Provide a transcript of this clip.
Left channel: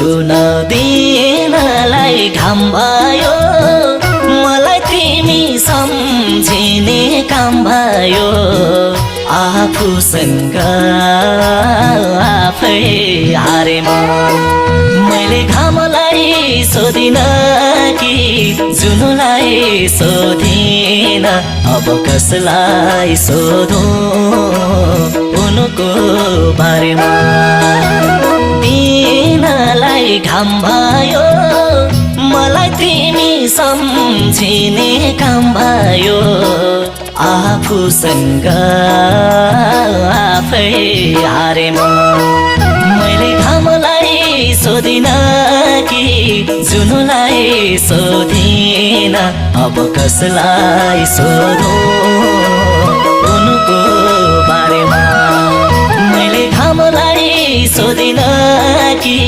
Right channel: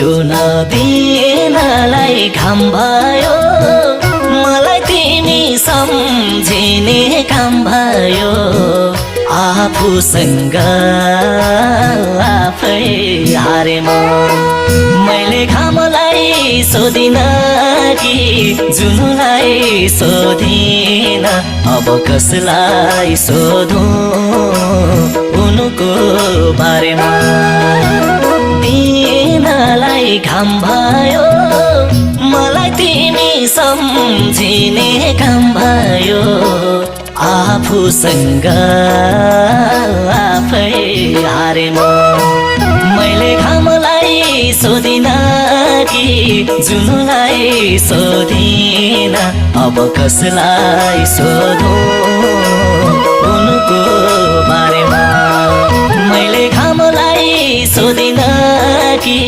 टुन दिएनलाई घाम भयो मलाई तिमी सम्झिने काम भयो आफूसँग आफै हारे मैले घामलाई सोधिन कि जुनलाई सोधिन अब कसलाई सोधौं उनको बारेमा तिमीलाई घाम भयो मलाई तिमी सम्झिने काम भयो आफूसँग आफै हारे मैले घामलाई सोधिन कि जुनलाई सोधिन अब कसलाई सोधौं उनको बारेमा मैले घामलाई सोधिन कि